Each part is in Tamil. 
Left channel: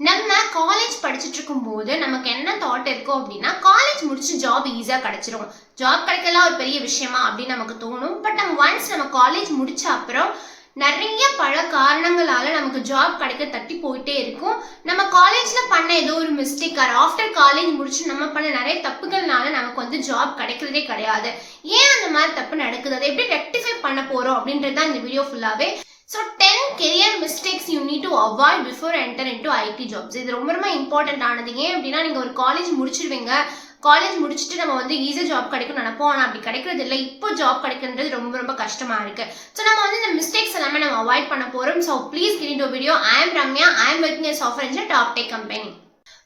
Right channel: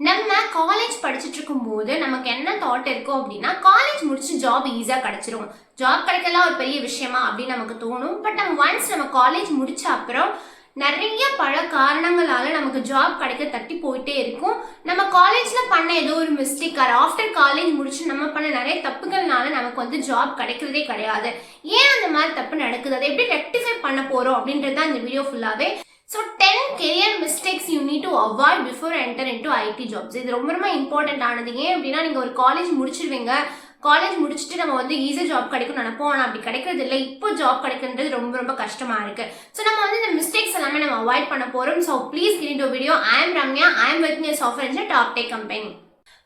நம்ம காலேஜ் படிச்சுட்டு இருக்கும்போது நமக்கு என்ன தாட் இருக்கும் அப்படின்னா, காலேஜ் முடிச்சு ஜாப் ஈஸியா கிடைச்சிரும். ஜாப் கிடைக்கலாம் ஒரு பெரிய விஷயமா அப்படின்னு நமக்கு தோணும். பட் நம்ம காலேஜ் முடிச்ச அப்புறம் நிறைய பல காரணங்களால நமக்கு ஜாப் கிடைக்க தட்டி போயிட்டே இருக்கும். நம்ம காலேஜ்ல பண்ண ஏதோ ஒரு மிஸ்டேக் ஆஃப்டர் காலேஜ் முடிச்சு நம்ம பண்ண நிறைய தப்புகள்னால நமக்கு வந்து ஜாப் கிடைக்கிறதே கிடையாது. ஏன் அந்த மாதிரி தப்பு நடக்குது, அதை எப்படி ரெக்டிஃபை பண்ண போறோம் அப்படின்றது தான் இந்த வீடியோ ஃபுல்லாவே. So 10 career mistakes you need to avoid before enter into IT jobs. இது ரொம்ப ரொம்ப இம்பார்ட்டன்ட் ஆனது. ஏன் அப்படின்னா, நீங்க ஒரு காலேஜ் முடிச்சிருவீங்க, காலேஜ் முடிச்சுட்டு நம்ம வந்து ஈஸியாக ஜாப் கிடைக்கும் நினைப்போம். ஆனால் அப்படி கிடைக்கிறது இல்லை. இப்போ ஜாப் கிடைக்கிறது ரொம்ப ரொம்ப கஷ்டமா இருக்கு. ஸோ நம்ம வந்து இந்த மிஸ்டேக்ஸ் எல்லாமே நம்ம அவாய்ட் பண்ண போறோம். So please get into video. I am Ramya. I am working as software engineer top tech company.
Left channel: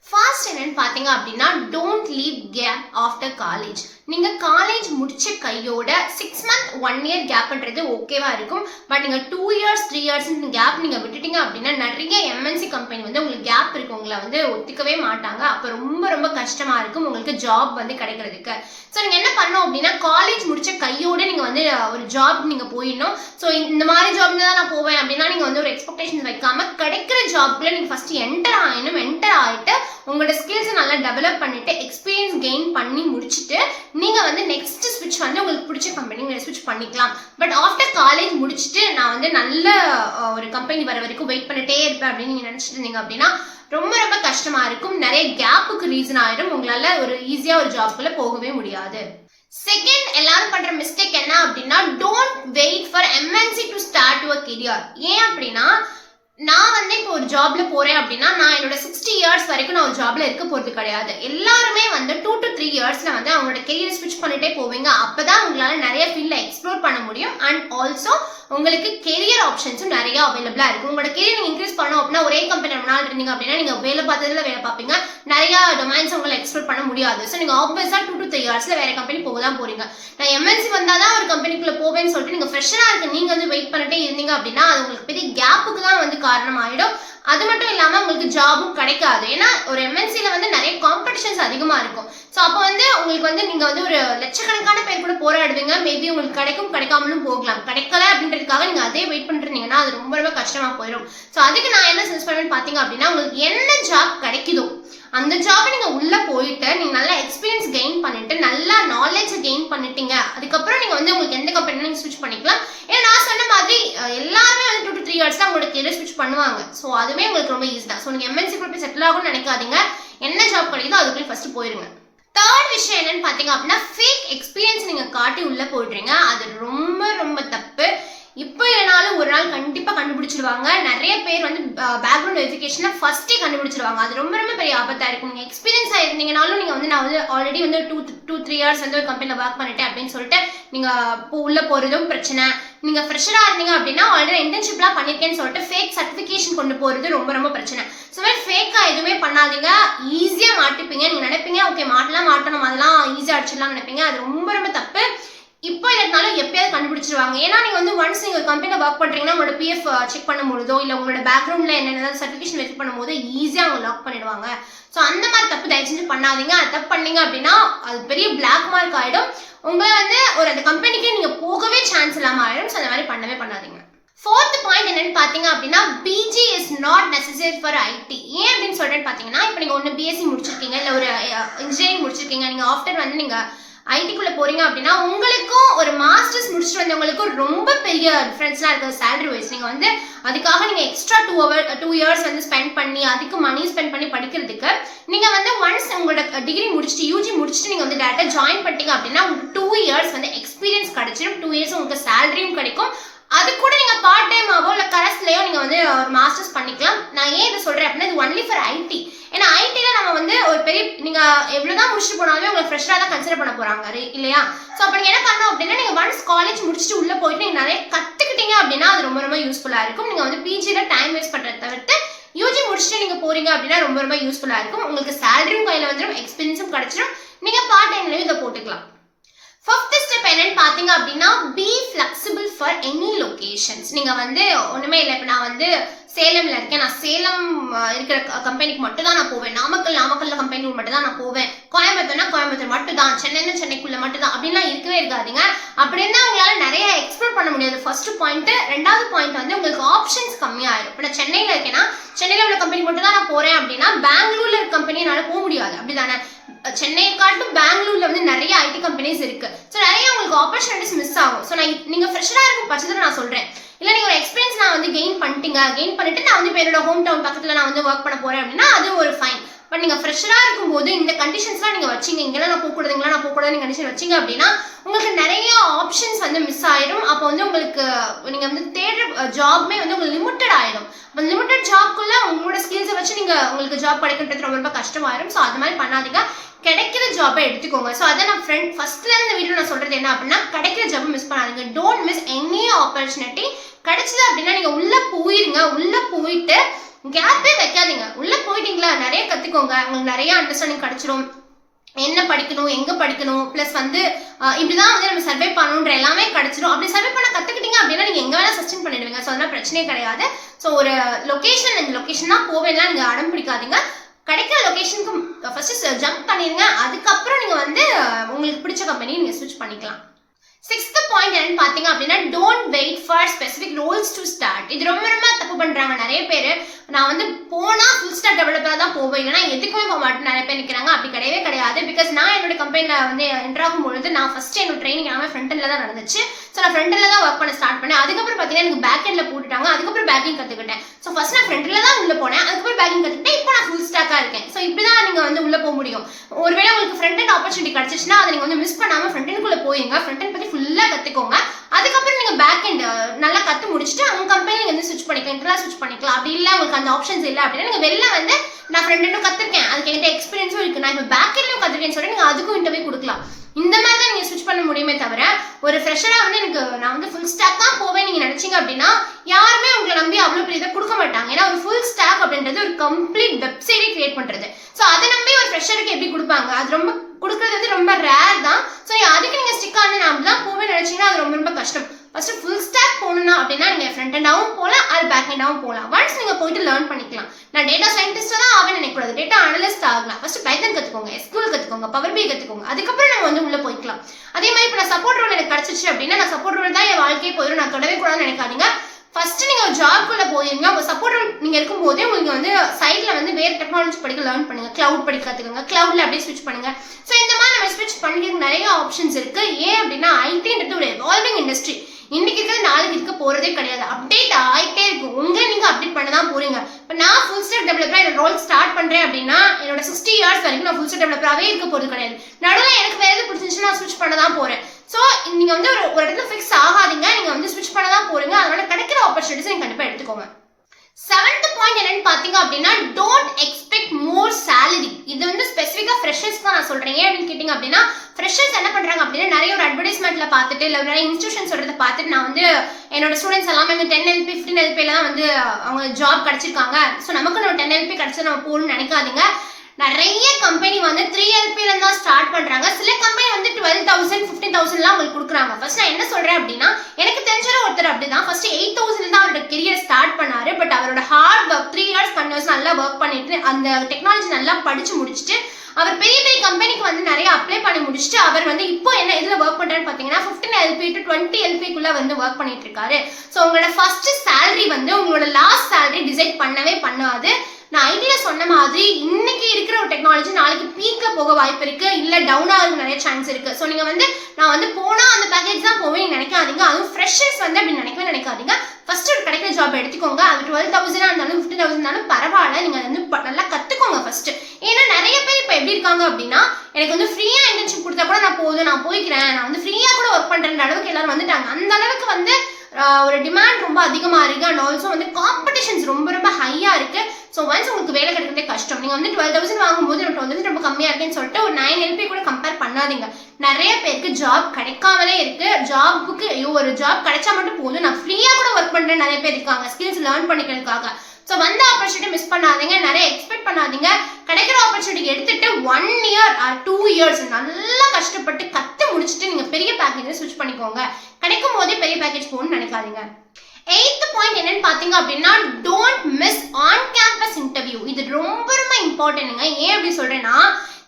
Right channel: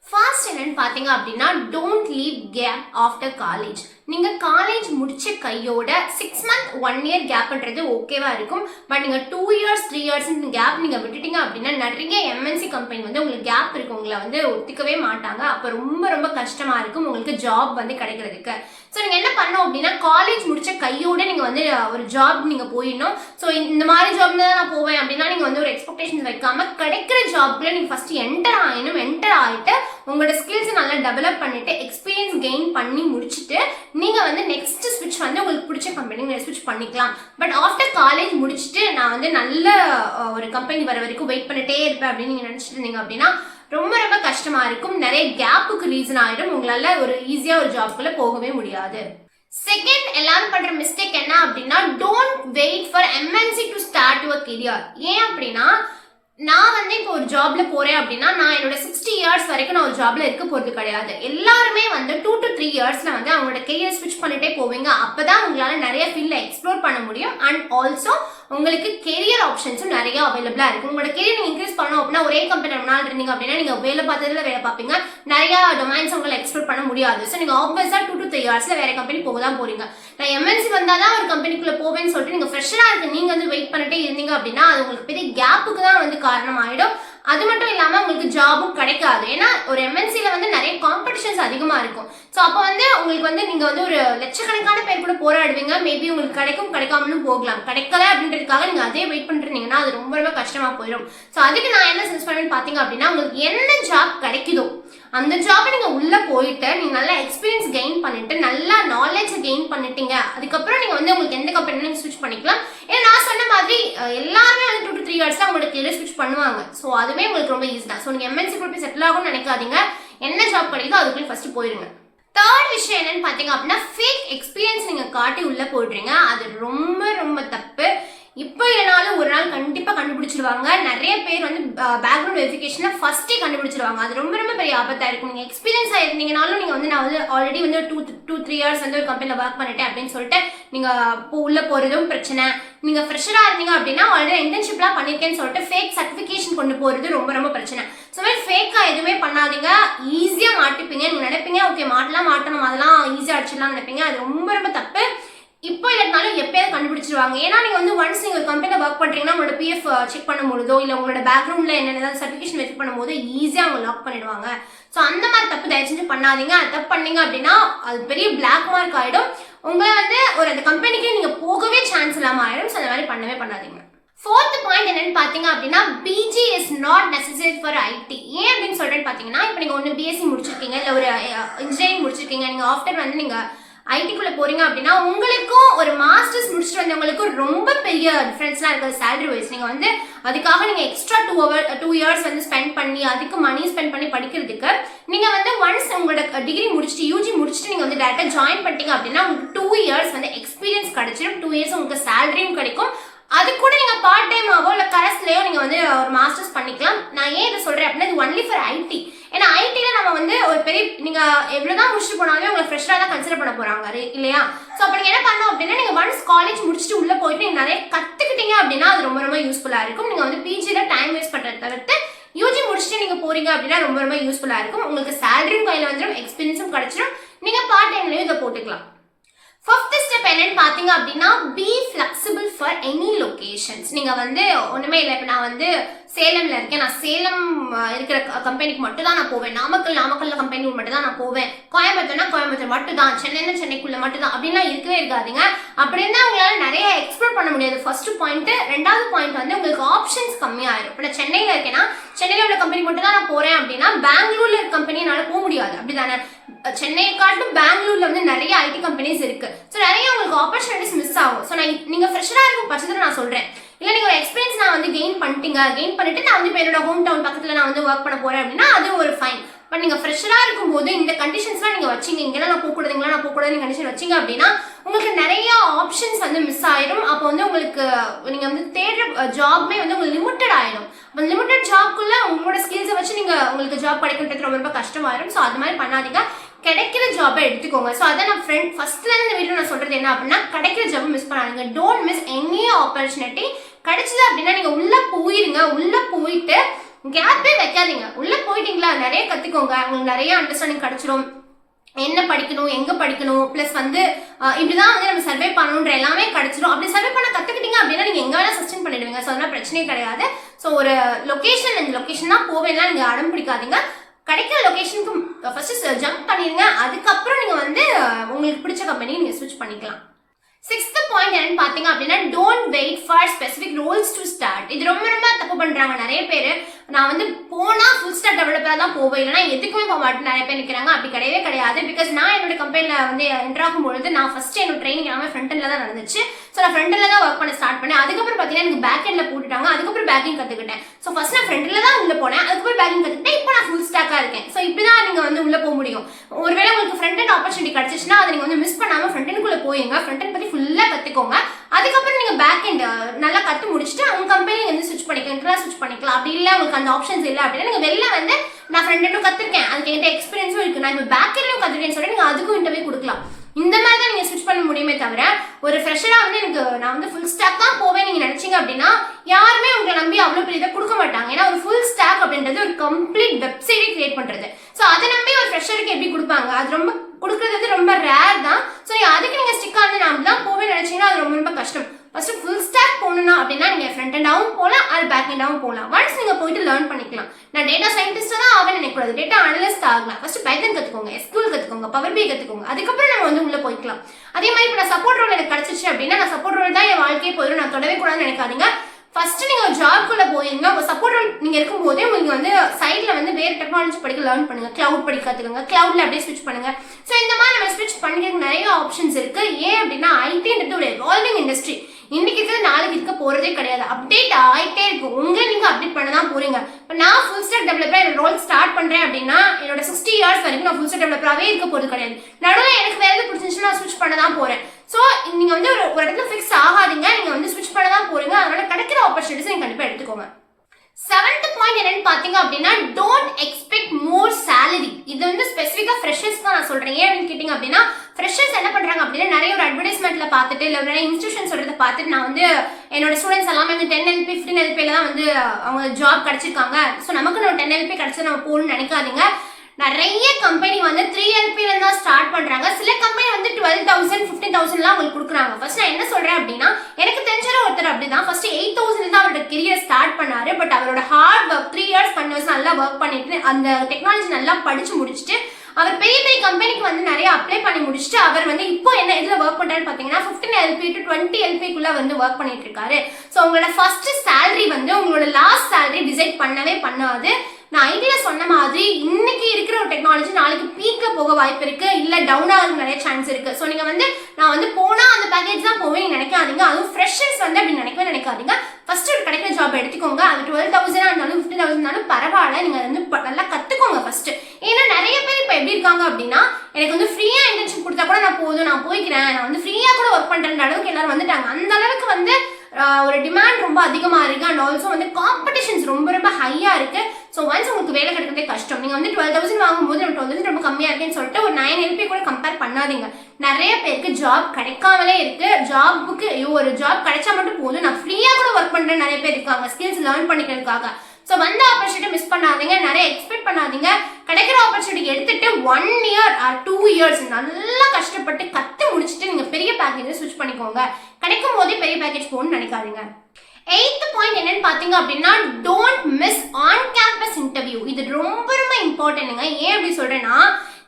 First என்னன்னு பார்த்தீங்க அப்படின்னா, don't leave gap after college. நீங்கள் காலேஜ் முடிச்ச கையோட 6 month 1 year கேப்ன்றது ஓகேவா இருக்கும். பட் நீங்கள் 2 years 3 years கேப் நீங்கள் விட்டுட்டீங்க அப்படின்னா, நிறைய எம்என்சி கம்பெனி வந்து உங்களுக்கு கேப் இருக்கு உங்களை வந்து ஒத்துக்கவே மாட்டாங்க. அப்போ ரொம்ப ரொம்ப கஷ்டமா இருக்கும் உங்களுக்கு ஜாப் வந்து கிடைக்கிறதுக்கு. ஸோ நீங்கள் என்ன பண்ணணும் அப்படின்னா, காலேஜ் முடிச்ச கையோட நீங்கள் வந்து ஒரு ஜாப் நீங்கள் போயிடணும். ஸோ இந்த மாதிரி ஜாப்ல தான் நான் போவேன் அப்படின்னா நீங்கள் வந்து ஒரு எக்ஸ்பெக்டேஷன் வைக்காம கிடைக்கிற ஜாப்ல நீங்கள் ஃபர்ஸ்ட் என்டர் ஆகணும். என்டர் ஆகிட்டு உங்களோட ஸ்கில்ஸை நல்லா டெவலப் பண்ணிட்டு எக்ஸ்பீரியன்ஸ் கெயின் பண்ணி முடிச்சுட்டு நீங்கள் வந்து நெக்ஸ்ட் ஸ்விட்ச் வந்து உங்களுக்கு பிடிச்ச கம்பெனி நீங்கள் ஸ்விட்ச் பண்ணிக்கலாம். பட் ஆஃப்டர் காலேஜ் முடிச்சுட்டு நான் வந்து நல்ல ஒரு கம்பெனி வர வரைக்கும் வெயிட் பண்ணிட்டே இருப்பேன் அப்படின்னு நீங்கள் நினச்சிட்டு இருந்தீங்க அப்படின்னா ரொம்ப ரொம்ப கஷ்டமா இருக்கும். நிறைய கேப்புக்கு ரீசன் ஆயிடும். உங்களால ஒரு ஈஸியா ஒரு ஜாப்குள்ள போகவே முடியாது. செகண்ட் எல்லாரும் பண்ற மிஸ்டேக் என்ன அப்படின்னா, don't wait for MNC to start your career. ஏன் அப்படின்னா, நான் வந்து இப்போ ஒரு ஜாப்ல போறேன் அப்படின்னா நான் என்னோட 60 years வரைக்கும் நான் ஒரு ஜாப்ல இருக்க போறது கிடையாது. எல்லாருமே வந்து 2 to 3 yearsல வந்து அவங்களோட கெரியர் ஸ்விட்ச் பண்ணிட்டே போவீங்க. அப்பதான் உங்களால நிறைய ஃபீல்ட்ல எக்ஸ்ப்ளோர் பண்ண முடியும். அண்ட் ஆல்சோ உங்களுக்கு கெரியர் ஆப்ஷன்ஸும் நிறைய அவைலபிளா இருக்கும். உங்களோட கெரியர் நீங்க இன்க்ரீஸ் பண்ணணும் அப்படின்னா, ஒரே கம்பெனி ரொம்ப நாள் இருந்தீங்க அப்படின்னா நீங்க வேலை பார்த்ததுல வேலை பார்ப்பீங்க. நிறைய டொமைன்ஸ் உங்களை எக்ஸ்ப்ளோர் பண்ண முடியாது. ஸோ நீங்க ஆப்வியஸா 2 to 3 yearsல வேற கம்பெனி போக தான் போறீங்க. நான் எம்என்சி வந்தாதான் ஒரு கம்பெனிக்குள்ள போவேன்னு சொல்லிட்டு நீங்க ஃப்ரெஷரா இருக்கு நீங்க வந்து வெயிட் பண்ணிட்டே இருந்தீங்க அப்படின்னா அது உங்களுக்கு பெரிய கேப்புக்கு தான் வந்து காரணம் ஆயிடும். அது மட்டும் இல்லாம உங்களுக்கு ஜாபும் கிடைக்காது. ஏன்னா ஒரு எம்என்சில வந்து நிறைய காம்படிஷன்ஸ் அதிகமா இருக்கும். ஸோ அப்போ வந்து உங்களுக்கு வந்து நீங்க வந்து ஒரு லட்சக்கணக்கான பேர் கூட போராடுவீங்க. மேபி உங்களுக்கு கிடைக்கும் கிடைக்காமலும் போகலாம். கிடைக்கல அப்படின்றதுக்காக நீங்க அதே வெயிட் பண்ணிருந்தீங்கன்னா அது ரொம்ப ரொம்ப கஷ்டமா போயிடும். ஸோ அதுக்கு நான் என்ன சஜஸ்ட் பண்ணுவேன்னு பாத்தீங்க அப்படின்னா, உங்களுக்கு என்ன ஜாப் கிடைக்குதோ அந்த ஜாப் நீங்க உள்ள போயிட்டு நீங்க நல்லா எக்ஸ்பீரியன்ஸ் கெயின் பண்ணிட்டு நல்லா நாலேஜ் கெயின் பண்ணிட்டீங்க. அதுக்கப்புறம் நீங்க வந்து உங்களுக்கு எந்த கம்பெனி நீங்க ஸ்விட்ச் பண்ணிக்கலாம். ஏன்னா நான் சொன்ன மாதிரி எல்லாருமே வந்து 2 to 3 years தான் உங்களோட கெரியர் ஸ்விட்ச் பண்ணுவாங்க. ஸோ அதுவே உங்களுக்கு ரொம்ப ஈஸி தான். ஸோ நீங்க எம்என்சி போய் செட்டில் ஆகும்னு நினைக்காதீங்க. என்ன ஜாப் கிடைக்குதோ அதுக்குள்ளே ஃபர்ஸ்ட் போயிருங்க. தேர்ட் விஷயம் என்னன்னு பாத்தீங்க அப்படின்னா, ஃபேக் எக்ஸ்பீரியன்ஸ் நீங்க காட்டி உள்ள போடுறீங்க. அது ரொம்ப ரொம்ப தப்பு. இப்போ இல்லைனாலும் ஒரு நாள் கண்டிப்பா கண்டுபிடிச்சிருவாங்க. நிறைய பேர் வந்து பேக்ரவுண்ட் வெரிஃபிகேஷனை ஃபர்ஸ்டே கண்டுபிடிச்சிருவாங்க. அது ரொம்ப ரொம்ப பெரிய ஆபத்தா இருக்கும். நீங்க எக்ஸ்பீரியன்ஸ் ஆயிருந்தீங்கனாலும் நீங்க வந்து நான் வந்து ஆல்ரெடி வந்து 2-3 years வந்து ஒரு கம்பெனில ஒர்க் பண்ணிட்டேன் அப்படின்னு சொல்லிட்டு நீங்க உள்ள போறதும் பிரச்சனை. நீங்க ஃப்ரெஷரா இருந்தீங்க அப்படின்னா ஆல்ரெடி இன்டர்ன்ஷிப்லாம் பண்ணிருக்கேன்னு சொல்லிட்டு ஃபேக் சர்டிஃபிகேஷன் கொண்டு போறது ரொம்ப ரொம்ப பிரச்சனை. ஸோ மாதிரி ஃபேக்கா எதுவுமே பண்ணாதீங்க. ஈஸியா மாட்டிப்பீங்க. நீங்க நினைப்பீங்க ஓகே மாட்டணும் அதெல்லாம் ஈஸியா அடிச்சிடலாம் நினைப்பீங்க. அது ரொம்ப ரொம்ப தப்பு. இப்போ இல்லைனாலும் எப்பயாவது கண்டுபிடிச்சிருவாங்க. ஏன்னா நீங்க வந்து ஒன்ஸ் நீங்க கம்பெனியில் ஒர்க் பண்றீங்கன்னா உங்களோட பிஎஃப் செக் பண்ணும்போதோ இல்லை உங்களோட பேக்ரவுண்ட்ல என்னென்ன சர்டிஃபிகேஷன் வெரிஃபை பண்ணும்போது ஈஸியா அவங்க லாக் பண்ணிடுவாங்க. ஸோ அந்த மாதிரி தப்பு தயவு செஞ்சு பண்ணாதீங்க. அது தப்பு பண்ணீங்க அப்படின்னா அது பெரிய பிளாக் மார்க் ஆயிடும். உங்களை வந்து ஒரு அந்த கம்பெனிக்கு நீங்க போகவே சான்ஸ் இல்லாம ஆயிடும். ஸோ அந்த மாதிரி பண்ணவே பண்ணாதீங்க. ஃபோர்த் பாயிண்ட் என்னன்னு பாத்தீங்க அப்படின்னா, PG is not necessary for IT. ஏன் அப்படின்னு சொல்றேன்னு பாத்தீங்கன்னா, இப்போ நீங்க ஒன்று பிஎஸ்சி முடிச்சிருக்கீங்க இல்லை ஒரு இன்ஜினியரிங் முடிச்சிருக்கீங்க. நீங்க ஆஃப்டர் வந்து நீங்க ஐடிக்குள்ள போறீங்க அப்படின்னா உங்களுக்கும் ஒரு மாஸ்டர்ஸ் முடிச்சுட்டு வந்தவங்களுக்கும் ரொம்ப பெரிய டிஃபரன்ஸ்லாம் இருக்குது சேலரி வைஸ். நீங்க வந்து அதுக்காக நீங்க எக்ஸ்ட்ரா 2 years வந்து ஸ்பெண்ட் பண்ணி அதுக்கு மணி ஸ்பெண்ட் பண்ணி படிக்கிறதுக்கு நீங்க வந்து ஒன்ஸ் உங்களோட டிகிரி முடிச்சுட்டு யூஜி முடிச்சுட்டு நீங்க வந்து டேரக்டா ஜாயின் பண்ணிட்டீங்க அப்படின்னா உங்களுக்கு 2 years வந்து எக்ஸ்பீரியன்ஸ் கிடைச்சிடும். 2 years உங்களுக்கு சேலரியும் கிடைக்கும். அது கூட நீங்க பார்ட் டைம் ஆகோ இல்லை கரஸ்லயோ நீங்க வந்து ஒரு மாஸ்டர்ஸ் பண்ணிக்கலாம். நான் ஏன் இதை சொல்றேன் அப்படின்னா, இது ஒன்லி ஃபார் ஐடி. ஏன்னா ஐடில நம்ம வந்து ஒரு பெரிய நீங்க எவ்வளவுதான் முடிச்சுட்டு போனாலும் உங்களை ஃப்ரெஷரா தான் கன்சிடர் பண்ண போறாங்க இல்லையா? ஸோ அப்ப நீங்க என்ன பண்ணணும் அப்படின்னா, நீங்க ஒன்ஸ் காலேஜ் முடிச்சுட்டு உள்ள போயிட்டு நீங்க நிறைய கத்துக்கிட்டீங்க அப்படின்னா அது ரொம்ப ரொம்ப யூஸ்ஃபுல்லா இருக்கும். நீங்க வந்து பிஜில டைம் வேஸ்ட் பண்றதை தவிர்த்து யூஜி முடிச்சுட்டு நீங்க போறீங்க அப்படின்னா ரொம்ப ரொம்ப யூஸ்ஃபுல்லா இருக்கும். உங்களுக்கு சேலரியும் கையில வந்துடும், எக்ஸ்பீரியன்ஸும் கிடைச்சிடும். நீங்க பார்ட் டைம்லயும் இதை போட்டுக்கலாம். ஃபிஃப்த் ஸ்டெப் என்னன்னு பார்த்தீங்க அப்படின்னா B flexible for any locations. நீங்கள் வந்து ஒன்றுமே இல்லை, இப்போ நான் வந்து சேலம்ல இருக்கேன், நான் சேலம் இருக்கிற கம்பெனிக்கு மட்டும் தான் நான் போவேன், நாமக்கல்ல கம்பெனிக்கு மட்டும் தான் நான் போவேன், கோயம்புத்தூர்னா கோயம்புத்தூர் மட்டும் தான், சென்னைக்குள்ள மட்டும் தான் அப்படின்லாம் இருக்கவே இருக்காதீங்க. அப்படி இருந்தால் உங்களால நிறைய எக்ஸ்ப்ளோர் பண்ண முடியாது. First point. ரெண்டாவது பாயிண்ட் வந்து உங்களுக்கு ஆப்ஷன்ஸ் கம்மியாயிரும். இப்போ நான் சென்னையில் இருக்கேன்னா சென்னையில் உள்ள கம்பெனி மட்டும் தான் நான் போறேன் அப்படின்னா பெங்களூர்ல இருக்க கம்பெனி என்னால் போக முடியாது. அப்படிதானே? சென்னையை காட்டும் பெங்களூர்ல வந்து நிறைய ஐடி கம்பெனிஸ் இருக்கு. ஸோ நிறைய உங்களுக்கு ஆப்பர்ச்சுனிட்டிஸ் மிஸ் ஆகும். ஸோ நீங்க ஃப்ரெஷரா இருக்கும் பட்சத்தில் நான் சொல்றேன், இல்லை நீங்கள் ஒரு எக்ஸ்பீரியன்ஸ் நான் வந்து கெயின் பண்ணிட்டு நான் வந்து இப்போ என்னோட ஹோம் டவுன் பக்கத்தில் நான் வந்து ஒர்க் பண்ண போறேன் அப்படின்னா அது ஒரு ஃபைன். பட் நீங்கள் ஃப்ரெஷராக இருக்கும்போது இந்த கண்டிஷன்ஸ்லாம் நீங்கள் வச்சிங்க, இங்கெல்லாம் நான் போகக்கூடாது கண்டிஷன் வச்சிங்க அப்படின்னா உங்களுக்கு நிறைய ஆப்ஷன்ஸ் வந்து மிஸ் ஆயிடும். அப்போ வந்து உங்களுக்கு நீங்கள் வந்து தேடுற ஜாப்மே வந்து உங்களுக்கு லிமிட்டட் ஆயிடும். அப்போ லிமிட்டட் ஜாப்குள்ள உங்களோட ஸ்கில்ஸை வச்சு உங்களுக்கு ஜாப் கிடைக்கிறது ரொம்ப ரொம்ப கஷ்டமாயிடும். ஸோ அது மாதிரி பண்ணாதீங்க, கிடைக்கிற ஜாபை எடுத்துக்கோங்க. ஸோ அதை நான் ஃபர்ஸ்ட்ல இந்த வீடியோ நான் சொல்றது என்ன அப்படின்னா, கிடைக்கிற ஜாப் மிஸ் பண்ணாதீங்க. Don't miss any opportunity. கிடைச்சது அப்படின்னா நீங்க உள்ள போயிருங்க. உள்ள போயிட்டு கேப்பே வைக்காதீங்க. உள்ள போயிட்டீங்களா நிறைய கத்துக்கோங்க, உங்களுக்கு நிறைய அண்டர்ஸ்டாண்டிங் கிடைச்சிடும். என்ன படிக்கணும், எங்க படிக்கணும், பிளஸ் வந்து இப்படிதான் வந்து நம்ம சர்வே பண்ணணுன்ற எல்லாமே கிடைச்சிடும். அப்படி சர்வே பண்ண கத்துக்கிட்டீங்க அப்படின்னா நீங்க எங்க வேணா சஸ்டெயின் பண்ணிடுவீங்க. ஸோ அதெல்லாம் பிரச்சனையே கிடையாது. ஸோ ஒரு லொகேஷன், இந்த லொகேஷன் தான் போவேன்லாம் நீங்க அடம் பிடிக்காதீங்க. கிடைக்கிற லொகேஷனுக்கு ஃபர்ஸ்ட் ஜம்ப் பண்ணிடுங்க. அதுக்கப்புறம் நீங்க வந்து உங்களுக்கு பிடிச்ச கம்பெனி நீங்க ஸ்விட்ச் பண்ணிக்கலாம். சிக்ஸ்த் பாயிண்ட் என்னன்னு பார்த்தீங்க அப்படின்னா don't wait for specific roles to start. இது ரொம்ப ரொம்ப தப்பு பண்றாங்க நிறைய பேர். நான் வந்து போனா ஃபுல் ஸ்டாக் டெவலப்பராக தான் போவேன், இல்லைன்னா எதுக்குமே போக மாட்டேன் நிறைய பேர் நிற்கிறாங்க. அப்படி கிடையவே கிடையாது. பிகாஸ் நான் என்னோட கம்பெனியில் வந்து என்டர் ஆகும்பொழுது நான் ஃபர்ஸ்ட் என்னோட ட்ரைனிங் எல்லாமே ஃப்ரண்ட் எண்டில் தான் நடந்துச்சு. ஸோ நான் ஃப்ரண்ட் எண்டில் தான் ஒர்க் பண்ண ஸ்டார்ட் பண்ணேன். அதுக்கப்புறம் பார்த்தீங்கன்னா எனக்கு பேக் எண்டில் போட்டுட்டாங்க. அதுக்கப்புறம் பேக்கிங் கற்றுக்கிட்டேன். ஸோ ஃபர்ஸ்ட் நான் ஃப்ரண்ட் எண்டில் தான் உள்ள போனேன், அதுக்கப்புறம் பேக்கிங் கற்றுக்கிட்டேன். இப்போ நான் ஃபுல் ஸ்டாக்காக இருக்கேன். ஸோ இப்படி தான் நீங்கள் வந்து உள்ள போக முடியும். ஒருவேளை உங்களுக்கு ஃப்ரண்ட் எண்ட் ஆப்பர்ச்சுனிட்டி கிடைச்சிச்சுன்னா அதை நீங்கள் வந்து மிஸ் பண்ணாமல் ஃப்ரண்ட் எண்டுக்குள்ளே போயிருங்க. ஃப்ரண்ட் எண்ட் பற்றி ஃபுல்லாக கற்றுக்கோங்க. அதுக்கப்புறம் நீங்க பேக் எண்ட் நல்லா கத்து முடிச்சுட்டு உங்க கம்பெனி வந்து ஸ்விட்ச் பண்ணிக்கலாம், இன்டர்னல் ஸ்விட்ச் பண்ணிக்கலாம். அப்படி இல்லை உங்களுக்கு அந்த ஆப்ஷன்ஸ் இல்லை அப்படின்னா நீங்க வெளில வந்து நான் ஃப்ரண்ட் எண்டும் கத்துருக்கேன், அதுக்கு என்கிட்ட எக்ஸ்பீரியன்ஸும் இருக்கு, நான் இப்போ பேக் எண்ட்லயும் கத்துருக்கேன்னு சொல்லி நீங்க அதுக்கும் இன்டர்வியூ கொடுக்கலாம். இந்த மாதிரி தான் நீங்க ஸ்விட்ச் பண்ண முடியுமே தவிர ஒரு ஃப்ரெஷரா வந்து எனக்கு நான் வந்து ஃபுல் ஸ்டாக் தான் போவேன் நீங்க நினைச்சீங்க அப்படின்னா யாருமே உங்களை நம்பி அவ்வளவு பெரிய இதை கொடுக்க மாட்டாங்க. ஏன்னா ஒரு ஃபுல் ஸ்டாக் அப்படின்றது ஒரு கம்ப்ளீட் வெப்சைட்டே கிரியேட் பண்றது. ஸோ அதை நம்பி ஒரு ஃப்ரெஷருக்கு எப்படி கொடுப்பாங்க? அது ரொம்ப கொடுக்கறது வந்து ரொம்ப ரேர் தான். ஸோ அதுக்கு நீங்க ஸ்டிக் ஆனது நான் அப்படிதான் போவேன் நினைச்சீங்கன்னா அது ரொம்ப ரொம்ப கஷ்டம். ஃபர்ஸ்ட் ஃபுல் ஸ்டாக் போகணும்னா அப்படின்னா நீங்க ஃப்ரண்ட் எண்டாவும் போகலாம், அது பேக் எண்டாவும் போகலாம். ஒன்ஸ் நீங்க போயிட்டு லேர்ன் பண்ணிக்கலாம். நான் டேட்டா சயின்டிஸ்டா தான் ஆவேன்னு நினைக்கூடாது, டேட்டா அனலிஸ்ட் ஆகலாம். ஃபர்ஸ்ட் பைத்தன் கத்துக்கோங்க, எஸ்கியூஎல் கத்துக்கோங்க, பவர் பி கத்துக்கோங்க, அதுக்கப்புறம் நம்ம வந்து உள்ள போய்க்கலாம். அதே மாதிரி இப்போ நான் சப்போர்ட் ரோல் எனக்கு கிடைச்சிச்சு அப்படின்னா நான் சப்போர்ட் ரோல் தான் என் வாழ்க்கையே போயிடும், நான் தொடவே கூடாதுன்னு நினைக்காதீங்க. ஃபர்ஸ்ட் நீங்க ஒரு ஜாப்குள்ள போயிருங்க. உங்க சப்போர்ட் ரோல் நீங்க இருக்கும்போதே உங்களுக்கு வந்து சைட்ல வந்து வேற டெக்னாலஜி படிக்க லேர்ன் பண்ணுங்க, கிளவுட் படிக்க கத்துக்கோங்க, கிளவுட்ல அப்படியே ஸ்விட்ச் பண்ணுங்க. ஸோ இந்த மாதிரி நம்ம ஸ்விட்ச் பண்ணிக்கிறதுக்கு நிறைய ஆப்ஷன்ஸ் இருக்கு. ஏன் அப்படின்னா ஐடின்றது ஒரு எவால்விங் இண்டஸ்ட்ரி. இன்னைக்கு இருக்கிறது நாளைக்கு இருக்க போறதே கிடையாது, அப்டேட் ஆகிட்டே இருக்கும். உங்களை நீங்க அப்டேட் பண்ண தான் போறீங்க. இப்போ நான் ஃபுல் ஸ்டாக் டெவலப்பரா என்னோட ரோல் ஸ்டார்ட் பண்றேன் அப்படின்னா என்னோட 60 இயர்ஸ் வரைக்கும் நான் ஃபுல் ஸ்டாக் டெவலப்பராகவே இருக்க போறது கிடையாது. நடுவில் எனக்கு வேற எது பிடிச்சிருந்துச்சுன்னா நான் ஸ்விட்ச் பண்ண தான் போறேன். ஸோ நீங்க வந்து ஒரு இடத்துல ஃபிக்ஸ் ஆகாதீங்க, நீங்க வந்து ஸ்விட்ச் பண்ண தான் போறீங்க. அதனால கிடைக்கிற ஆப்பர்ச்சுனிட்டிஸ் நீங்க கண்டிப்பா எடுத்துக்கோங்க. செவன்த் பாயிண்ட் என்னன்னு பாத்தீங்க அப்படின்னா டோன்ட் எக்ஸ்பெக்ட் மோர் சேலரி. இது வந்து ஸ்பெசிஃபிக்கா ஃப்ரெஷர்ஸ் தான் நான் சொல்றேன். ஏன் அப்படின்னு கேட்டீங்க அப்படின்னா ஃப்ரெஷர்ஸ் என்ன பண்றாங்க அப்படின்னா நிறைய ஒரு அட்வர்டைஸ்மெண்ட்ல பார்த்துட்டு இல்லை நிறைய இன்ஸ்டியூஷன் சொல்றதை பார்த்துட்டு நான் வந்து என்னோட ஸ்டூடெண்ட்ஸ் எல்லாமே வந்து 10 LP 15 LPல தான் வந்து அவங்க ஜாப் கிடைச்சிருக்காங்க. ஸோ நமக்கு நம்ம 10 LP கிடைச்சா நம்ம போகணும்னு நினைக்காதீங்க. நிறைய கம்பெனி வந்து 3 LPல தான் ஸ்டார்ட் பண்றாங்க. சில கம்பெனி வந்து 12,000 15,000 உங்களுக்கு கொடுக்குறாங்க. ஃபர்ஸ்ட் நான் என்ன சொல்றேன் அப்படின்னா எனக்கு தெரிஞ்ச ஒருத்தர் அப்படிதான் ஃபர்ஸ்ட் 8,000 தான் அவரோட கெரியர் ஸ்டார்ட் பண்ணாரு. பட் அவரோட ஹார்ட் ஒர்க் 3 years கண்டினியூஸ் நல்லா ஒர்க் பண்ணிட்டு அந்த டெக்னாலஜி நல்லா படிச்சு முடிச்சுட்டு அவர் பெரிய பெரிய கம்பெனிக்கு வந்து நிறைய அப்ளை பண்ணி முடிச்சுட்டு அவர் வந்து இப்போ என்ன இதுல ஒர்க் பண்றாருன்னு பாத்தீங்கன்னா 15 LP to 20 LPக்குள்ள வந்து ஒர்க் பண்ணிட்டு இருக்காரு. ஸோ உங்களோட ஃபர்ஸ்ட் சேலரி வந்து உங்களோட லாஸ்ட் சேலரி டிசைட் பண்ணவே பண்ணாது. நான் ஐடியா சொன்ன மாதிரி இன்னைக்கு இருக்கிற ஒரு டெக்னாலஜி நாளைக்கு பீக்ல போக வாய்ப்பு இருக்கு, இல்ல டவுன் ஆகுது நிறைய சான்ஸ் இருக்கு. ஸோ நீங்க வந்து நான் வந்து போனா அந்த பேக்கேஜ் தான் போவேன் நினைக்காதீங்க. அதுவும் ஃப்ரெஷர்ஸ் வந்து அப்படி நினைக்கவே நினைக்காதீங்க. ஃபர்ஸ்ட் ஒரு கிடைக்கிற ஜாப் எடுத்துக்கோங்க. அது 12,000 இருந்தாலும் 15,000 இருந்தாலும் பரவாயில்ல, நீங்க வந்து நல்லா கத்துக்கோங்க ஃபர்ஸ்ட். ஏன்னா நிறைய பேர் இப்போ எப்படி இருக்காங்க அப்படின்னா எனக்கு வந்து ஃப்ரீயா இன்டர்ன்ஷிப் கொடுத்தா கூட நான் போதும், நான் போய்க்கிறேன், நான் வந்து ஃப்ரீயா கூட ஒர்க் பண்றேன்ற அளவுக்கு எல்லாரும் வந்துட்டாங்க. அந்த அளவுக்கு வந்து ஒரு டிமாண்ட் ரொம்ப அதிகமா இருக்கு. அண்ட் ஆல்சோ வந்து காம்படிஷன்ஸ் ரொம்ப ரொம்ப ஹையா இருக்கு. ஸோ ஒன்ஸ் உங்களுக்கு வேலை கிடைக்கிறதே கஷ்டம். நீங்க வந்து 12,000 வாங்கும்போது 12,000 ரொம்ப கம்மியா இருக்குன்னு சொல்லிட்டு ஒரு 9 LP கூட கம்பேர் பண்ணாதீங்க. நிறைய பேருக்கு ஜாப் கிடைக்காமலே இருக்கு. ஜாபுக்கு ஒரு ஜாப் கிடைச்சா மட்டும் போதும், நான் ஃப்ரீயா கூட ஒர்க் பண்றேன் நிறைய பேர் இருக்காங்க ஸ்கில்ஸ் லேர்ன் பண்ணிக்கிறதுக்காக. ஸோ வந்த ஆப்பர்ச்சுனிட்டி மிஸ் பண்ணாதீங்க, நிறைய எக்ஸ்பெக்ட் பண்ணாதீங்க. கிடைக்கிற ஆப்பர்ச்சுனிட்டி எடுத்துட்டு 1 இயர் ஆர் 2 இயர்ஸ் நல்லா கஷ்டப்பட்டு கத்து முடிச்சுட்டு நீங்க பெரிய பேக்கேஜ் ஸ்விட்ச் பண்ணிக்கோங்க. கிடைக்கும் போதே பெரிய பேக்கேஜ் போகணும்னு நினைக்காதீங்க. 8th பாயிண்ட் என்னன்னு பாத்தீங்க அப்படின்னா, don't miss on campus interview. இது ரொம்ப ரொம்ப இம்பார்ட்டன்ட்ங்க. ஏன் அப்படி சொல்றேன்னா,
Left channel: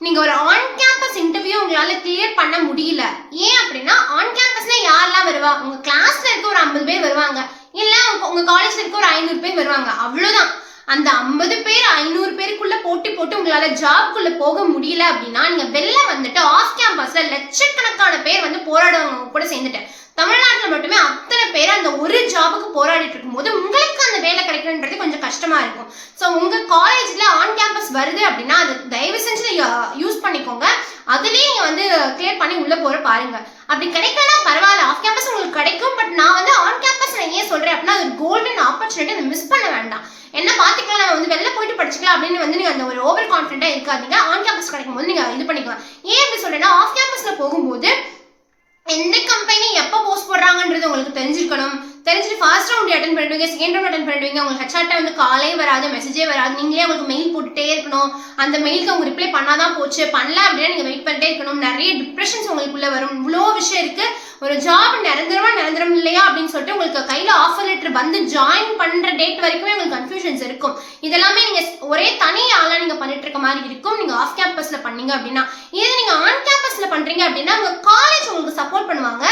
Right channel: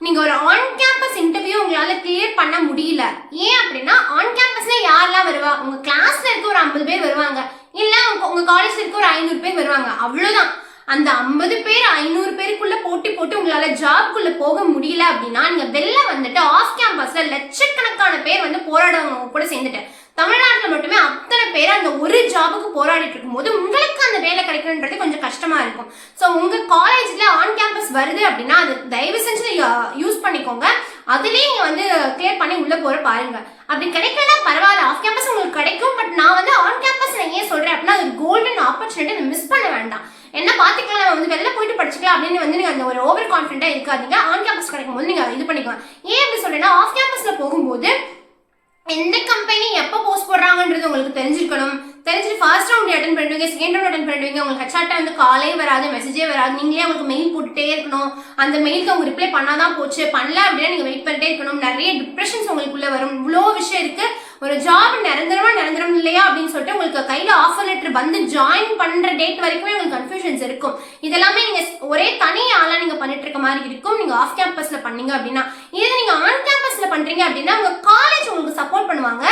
நீங்க ஒரு ஆன் கேம்பஸ் இன்டர்வியூ உங்களால கிளியர் பண்ண முடியல. ஏன் அப்படின்னா, ஆன் கேம்பஸ்ல யாரெல்லாம் வருவா? உங்க கிளாஸ்ல இருக்க ஒரு 50 பேர் வருவாங்க, இல்ல உங்க காலேஜ்ல இருக்க ஒரு 500 பேர் வருவாங்க, அவ்வளவுதான். அந்த 50 பேர் 500 பேருக்குள்ள போட்டி போட்டு உங்களால ஜாப்குள்ள போக முடியல அப்படின்னா, நீங்க வெளில வந்துட்டு ஆஃப் கேம்பஸ்ல லட்சக்கணக்கான பேர் வந்து போராடுவாங்க கூட சேர்ந்துட்டு. தமிழ்நாட்டில் மட்டுமே அத்தனை பேர் அந்த ஒரு ஜாபுக்கு போராடிட்டு இருக்கும்போது உங்களுக்கு அந்த வேலை கிடைக்கும்ன்றது கொஞ்சம் கஷ்டமா இருக்கும். ஸோ உங்க காலேஜ்ல ஆன் கேம்பஸ் வருது அப்படின்னா அது தயவு செஞ்சு யூஸ் பண்ணிக்கோங்க. அதுலேயே நீங்க வந்து கிளியர் பண்ணி உள்ள போற பாருங்க. அப்படி கிடைக்கலன்னா பரவாயில்ல, ஆஃப் கேம்பஸ் உங்களுக்கு கிடைக்கும். பட் நான் வந்து ஆன் கேம்பஸ் ஏன் சொல்றேன் அப்படின்னா, அது கோல்டன் ஆப்பர்ச்சுனிட்டி, மிஸ் பண்ண வேண்டாம். என்ன பார்த்துக்கலாம், நம்ம வந்து வெளில போயிட்டு படிச்சுக்கலாம் அப்படின்னு வந்து நீங்க அந்த ஒரு ஓவர் கான்ஃபிடென்ட்டா இருக்காதீங்க. ஆன் கேம்பஸ் கிடைக்கும் போது நீங்க இது பண்ணிக்கலாம். ஏன் அப்படி சொல்றேன்னா, ஆஃப் கேம்பஸ்ல போகும்போது எந்த கம்பெனி எப்போ போஸ்ட் போடுறாங்கன்றது உங்களுக்கு தெரிஞ்சிருக்கணும். தெரிஞ்சுட்டு ஃபர்ஸ்ட் ரவுண்ட் அட்டன் பண்ணிடுவீங்க, செகண்ட் ரவுண்ட் அட்டன் பண்ணிடுவீங்க. உங்களுக்கு ஹெச்ஆர்ட்ட வந்து காலே வராது, மெசேஜே வராது. நீங்களே உங்களுக்கு மெயில் போட்டுட்டே இருக்கணும். அந்த மெயிலுக்கு அவங்க ரிப்ளை பண்ணாதான் போச்சு, பண்ணல அப்படின்னா நீங்கள் வெயிட் பண்ணிட்டே இருக்கணும். நிறைய டிப்ரெஷன்ஸ் உங்களுக்குள்ள வரும். இவ்வளோ விஷயம் இருக்கு. ஒரு ஜாப் நிரந்தரம் இல்லையா அப்படின்னு சொல்லிட்டு உங்களுக்கு கையில் ஆஃபர் லெட்டர் வந்து ஜாயின் பண்ணுற டேட் வரைக்குமே உங்களுக்கு கன்ஃபியூஷன்ஸ் இருக்கும். இதெல்லாமே நீங்கள் ஒரே தனி ஆளாக நீங்கள் பண்ணிட்டு இருக்க மாதிரி இருக்கும் நீங்கள் ஆஃப் கேம்பஸில் பண்ணீங்க அப்படின்னா. இது நீங்கள் ஆன் கேம்பஸில் பண்ணுறீங்க அப்படின்னா உங்கள் காலேஜ் உங்களுக்கு சப்போர்ட் பண்ணுவாங்க.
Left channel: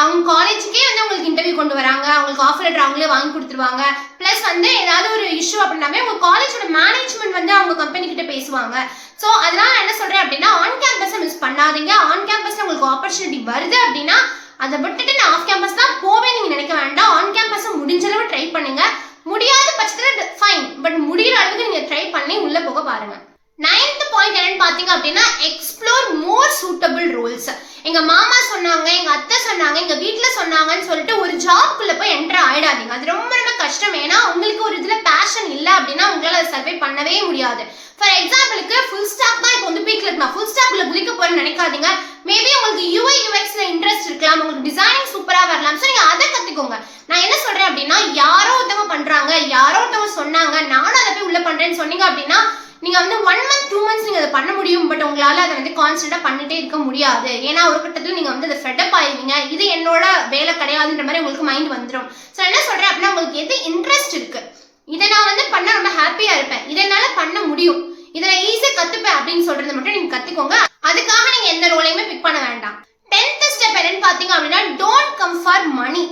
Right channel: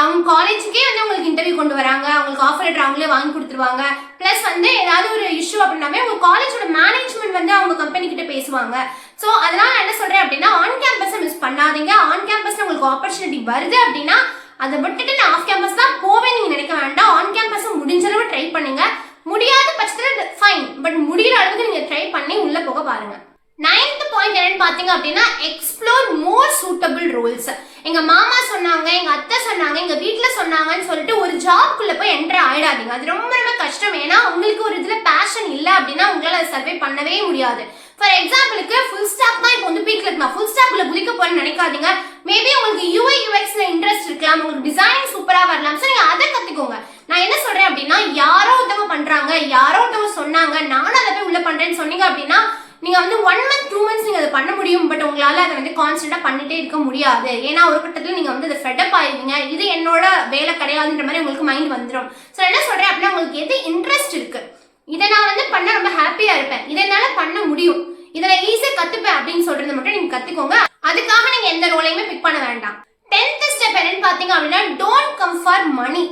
அவங்க காலேஜுக்கே வந்து உங்களுக்கு இன்டர்வியூ கொண்டு வராங்க, அவங்களுக்கு ஆஃபர் லெட்டர் அவங்களே வாங்கி கொடுத்துருவாங்க. ப்ளஸ் வந்து ஏதாவது ஒரு இஷ்யூ அப்படின்னாவே உங்கள் காலேஜோட மேனேஜ்மெண்ட் வந்து அவங்க கம்பெனி கிட்ட பேசுவாங்க. ஸோ அதனால என்ன சொல்கிறேன் அப்படின்னா, ஆன் கேம்பஸை மிஸ் பண்ணாதீங்க. ஆன் கேம்பஸில் உங்களுக்கு ஆப்பர்ச்சுனிட்டி வருது அப்படின்னா அதை விட்டுட்டு நான் ஆஃப் கேம்பஸ் தான் போவேன் நீங்கள் நினைக்க வேண்டாம். ஆன் கேம்பஸை முடிஞ்ச அளவு ட்ரை பண்ணுங்க. முடியாத பட்சத்தில் ஃபைன், பட் முடிகிற அளவுக்கு நீங்கள் ட்ரை பண்ணி உள்ளே போக பாருங்க. 9th பாயிண்ட் என்னன்னு பார்த்தீங்க அப்படின்னா, எக்ஸ்ப்ளோர் மோர் சூட்டபிள் ரோல்ஸ். எங்கள் மாமா சொன்னாங்க, எங்கள் அத்தை சொன்னாங்க, எங்கள் வீட்டில் சொன்னாங்கன்னு சொல்லிட்டு ஒரு ஜாப்குள்ளே போய் என்டர் ஆகிடாதீங்க. அது ரொம்ப ரொம்ப கஷ்டம். ஏன்னா உங்களுக்கு ஒரு இதில் பேஷன் இல்லை அப்படின்னா உங்களால் அதை சர்வை பண்ணவே முடியாது. ஃபார் எக்ஸாம்பிளுக்கு ஃபுல் ஸ்டாக் தான் இப்போ வந்து பீக்ல இருக்கு. நான் ஃபுல் ஸ்டாக்ல குதிக்க போறேன்னு நினைக்காதீங்க. மேபி உங்களுக்கு யூஐ யூஎக்ஸ்ல இன்ட்ரெஸ்ட் இருக்கலாம், உங்களுக்கு டிசைனிங் சூப்பரா வரலாம். ஸோ நீங்க அதை கத்துக்கோங்க. நான் என்ன சொல்றேன் அப்படின்னா, யாரோ ஒருத்தவங்க பண்றாங்க, யாரோ ஒருத்தவங்க சொன்னாங்க, நானும் அதை போய் உள்ள பண்றேன்னு சொன்னீங்க அப்படின்னா நீங்க வந்து 1 month 2 months நீங்க அதை பண்ண முடியும். பட் உங்களால அதை வந்து கான்ஸ்டன்டா பண்ணிட்டே இருக்க முடியாது. ஏன்னா ஒரு கட்டத்தில் நீங்க வந்து அதை ஃபெட்டப் ஆயிருவீங்க. இது என்னோட வேலை கிடையாதுன்ற மாதிரி உங்களுக்கு மைண்ட் வந்துடும். ஸோ என்ன சொல்றேன் அப்படின்னா, உங்களுக்கு எது இன்ட்ரெஸ்ட் இருக்கு, இதை நான் வந்து பண்ண ரொம்ப ஹாப்பியா இருப்பேன், இதை என்னால பண்ண முடியும், இதில் ஈஸியாக கற்றுப்பேன் அப்படின்னு சொல்றது மட்டும் நீங்கள் கற்றுக்கோங்க. அதுக்காக நீங்கள் எந்த ரோலையுமே பிக் பண்ண வேண்டாம். 10th ஸ்டெப் என்னன்னு பார்த்தீங்க அப்படின்னா, டோன்ட் கம் ஃபார் மணி.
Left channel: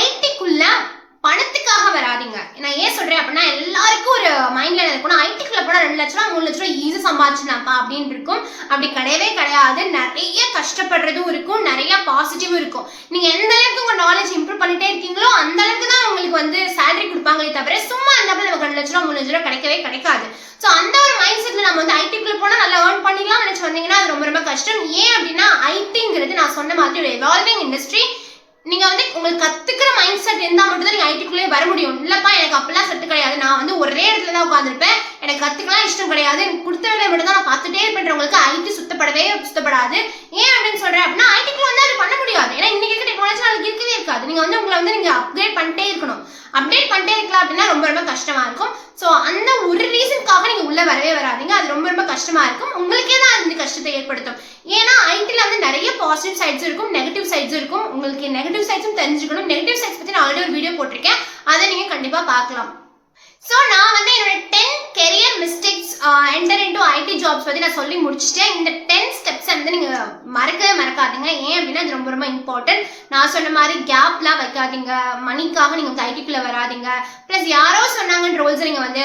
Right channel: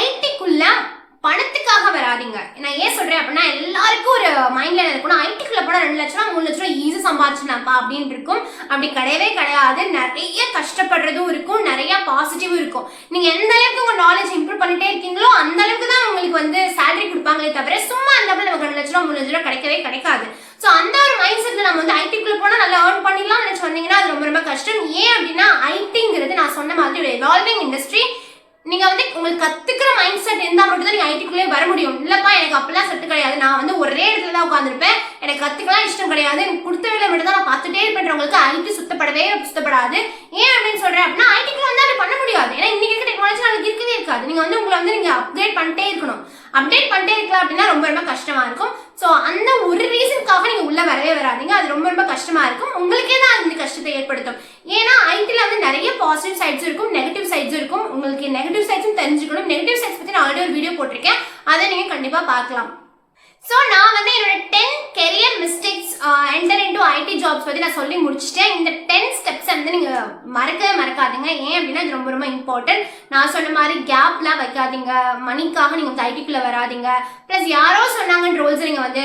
ஐடிக்குள்ள பணத்துக்காக வராதிங்க. நான் ஏன் சொல்கிறேன் அப்படின்னா, எல்லாருக்கும் ஒரு மைண்டில் இருக்கணும், ஐடிக்குள்ளே போனால் 2 லட்ச ரூபா 3 லட்ச ரூபா ஈஸியாக சம்பாதிச்சிடலாம்ப்பா அப்படின்னு இருக்கும். அப்படி கிடையவே கிடையாது. நிறைய கஷ்டப்படுறதும் இருக்கும், நிறைய பாசிட்டிவும் இருக்கும். நீங்கள் எந்த அளவுக்கு உங்கள் நாலேஜ் இம்ப்ரூவ் பண்ணிட்டே இருக்கீங்களோ அந்த அளவுக்கு தான் உங்களுக்கு வந்து சேலரி கொடுப்பாங்களே தவிர சும்மா அந்த நமக்கு 2 லட்ச ரூபா 3 லட்ச ரூபா கிடைக்கவே கிடைக்காது. ஸோ அந்த ஒரு மைண்ட் செட்டில் நம்ம வந்து ஐடிக்குள்ளே போனால் நல்லா ஏர்ன் பண்ணிடலாம் நினச்சி வந்தீங்கன்னா அது ரொம்ப ரொம்ப கஷ்டம். ஏன் அப்படின்னா ஐடிங்கிறது நான் சொன்ன மாதிரி ஒரு எவால்விங் இண்டஸ்ட்ரி. நீங்க வந்து உங்களுக்கு கத்துக்கிற மைண்ட் செட் இருந்தால் மட்டும் தான் நீங்க ஐடிக்குள்ளே வர முடியும். இல்லப்பா எனக்கு அப்பெல்லாம் செட்டு கிடையாது, நான் வந்து ஒரே இடத்துல தான் உட்காந்துருப்பேன், எனக்கு கத்துக்கலாம் இஷ்டம் கிடையாது, எனக்கு கொடுத்த வேலை மட்டும் தான் நான் பார்த்துட்டே இருப்பேன்றவங்களுக்கு ஐடி சுத்தப்படாது. ஏன் அப்படின்னு சொல்றேன் அப்படின்னா, ஐடிக்குள்ள வந்து அது பண்ண முடியாது. ஏன்னா இன்னைக்கு இருக்க டெக்னாலஜி நாளைக்கு இருக்கவே இருக்காது. நீங்க வந்து உங்களை வந்து நீங்க அப்கிரேட் பண்ணிட்டே இருக்கணும். அப்டேட் பண்ணிட்டே இருக்கலாம் அப்படின்னா ரொம்ப ரொம்ப கஷ்டமா இருக்கும். ஸோ அந்த ஒரு ரீசனுக்காக நீங்க உள்ள வரவே வராதிங்க. அது ரொம்ப ரொம்ப கஷ்டமா இருக்கும். உங்களுக்கே தான் அது வந்து கஷ்டத்தை ஏற்படுத்தும். ஏன்னா ஐடியில் வந்து நிறைய பாசிட்டிவ் சைட்ஸ் இருக்கும், நெகட்டிவ் சைட்ஸ் இருக்கும். உங்களுக்கு நெகட்டிவ் சைட்ஸும் தெரிஞ்சுக்கணும். நெகட்டிவ் சைட்ஸ் பற்றி நான் ஆல்ரெடி ஒரு வீடியோ போட்டிருக்கேன், அதை நீங்க கண்டிப்பா பார்க்கலாம். ஸோ நான் வந்து என்னோட 10 career mistakes enter into IT jobs பற்றி நான் சொல்லி முடிச்சுட்டேன். இந்த 10 ஸ்டெப்ஸை வந்து நீங்கள் மறக்காதீங்க. ஏன் அப்படின்னா இது ரொம்ப ரொம்ப இம்பார்ட்டன்ட். நான் சொன்ன மாதிரி கேப்லாம் வைக்காதீங்க, மணிக்காக நீங்கள் வந்து ஐடிக்குள்ளே வராதிங்க. ப்ளஸ் யாரோ சொன்னாங்கன்ற ரோல்ஸை நீங்கள் வந்து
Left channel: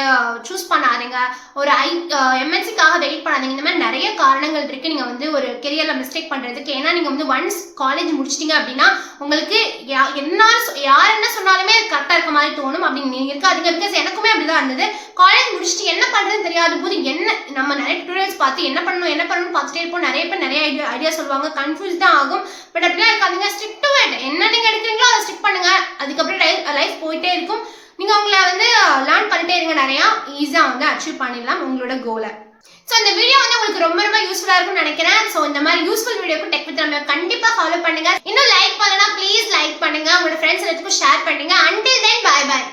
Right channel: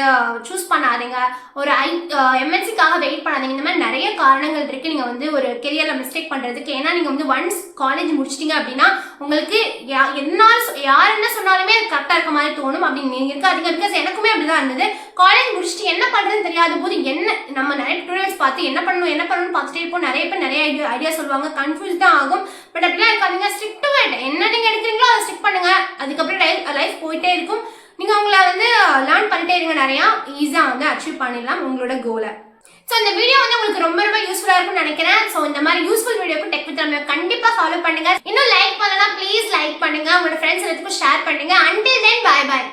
சூஸ் பண்ணாதீங்க. ஒரு எம்என்சிக்காக வெயிட் பண்ணாதீங்க. இந்த மாதிரி நிறைய காரணங்கள் இருக்குது நீங்கள் வந்து ஒரு கெரியரில் மிஸ்டேக் பண்ணுறதுக்கு. ஏன்னா நீங்கள் வந்து ஒன்ஸ் காலேஜ் முடிச்சிட்டிங்க அப்படின்னா உங்களுக்கு யார் என்ன சொன்னாலுமே கரெக்டாக இருக்க மாதிரி தோணும். அப்படி நீங்கள் இருக்காதீங்க. பிகாஸ் எனக்குமே அப்படிதான் இருந்தது. காலேஜ் முடிச்சுட்டு என்ன பண்றதுன்னு தெரியாத போது நம்ம நிறைய டுட்டோரியல்ஸ் பார்த்து என்ன பண்ணணும்னு பார்த்துட்டே இருப்போம். நிறைய பேர் நிறைய ஐடியா சொல்லுவாங்க, கன்ஃபியூஸ் தான் ஆகும். பட் அப்படிலாம் இருக்காதீங்க. Strict to it. என்ன நீங்க எடுக்கிறீங்களோ அதை ஸ்ட்ரிக் பண்ணுங்க. அதுக்கப்புறம் லைஃப் போயிட்டே இருக்கும். நீங்க உங்களை வந்து லேர்ன் பண்ணிட்டே இருங்க. நிறையா ஈஸியாக வந்து அச்சீவ் பண்ணிடலாம் உங்களோட கோலை. ஸோ இந்த வீடியோ வந்து உங்களுக்கு ரொம்ப ரொம்ப யூஸ்ஃபுல்லாக இருக்கும்னு நினைக்கிறேன். ஸோ இந்த மாதிரி யூஸ்ஃபுல் வீடியோக்கு டெக் வித் ரம்யா கண்டிப்பாக ஃபாலோ பண்ணுங்க. இன்னும் லைக் பண்ணலன்னா ப்ளீஸ் லைக் பண்ணுங்க, உங்களோட ஃப்ரெண்ட்ஸ் எல்லாத்துக்கும் ஷேர் பண்ணுங்க. Until then bye by.